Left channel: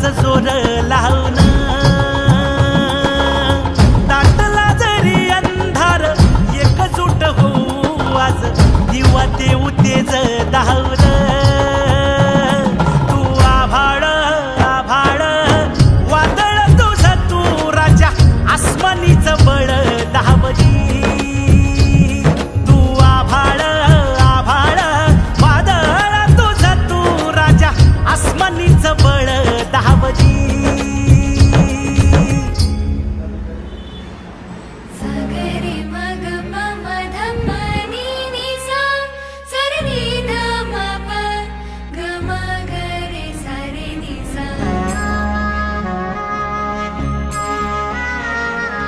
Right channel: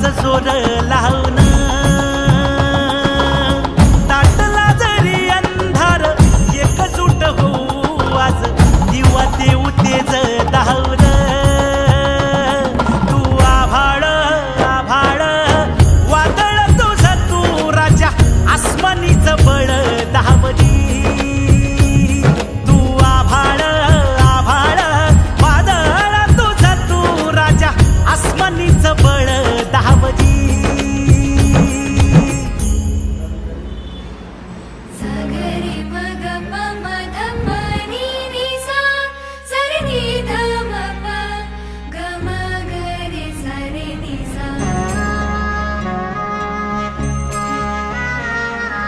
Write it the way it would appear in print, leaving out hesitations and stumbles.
हाच जोर लावून दाटला जरी अंधार एकजूट होऊ आज दिवा देऊ तेज दावर तू आभाळ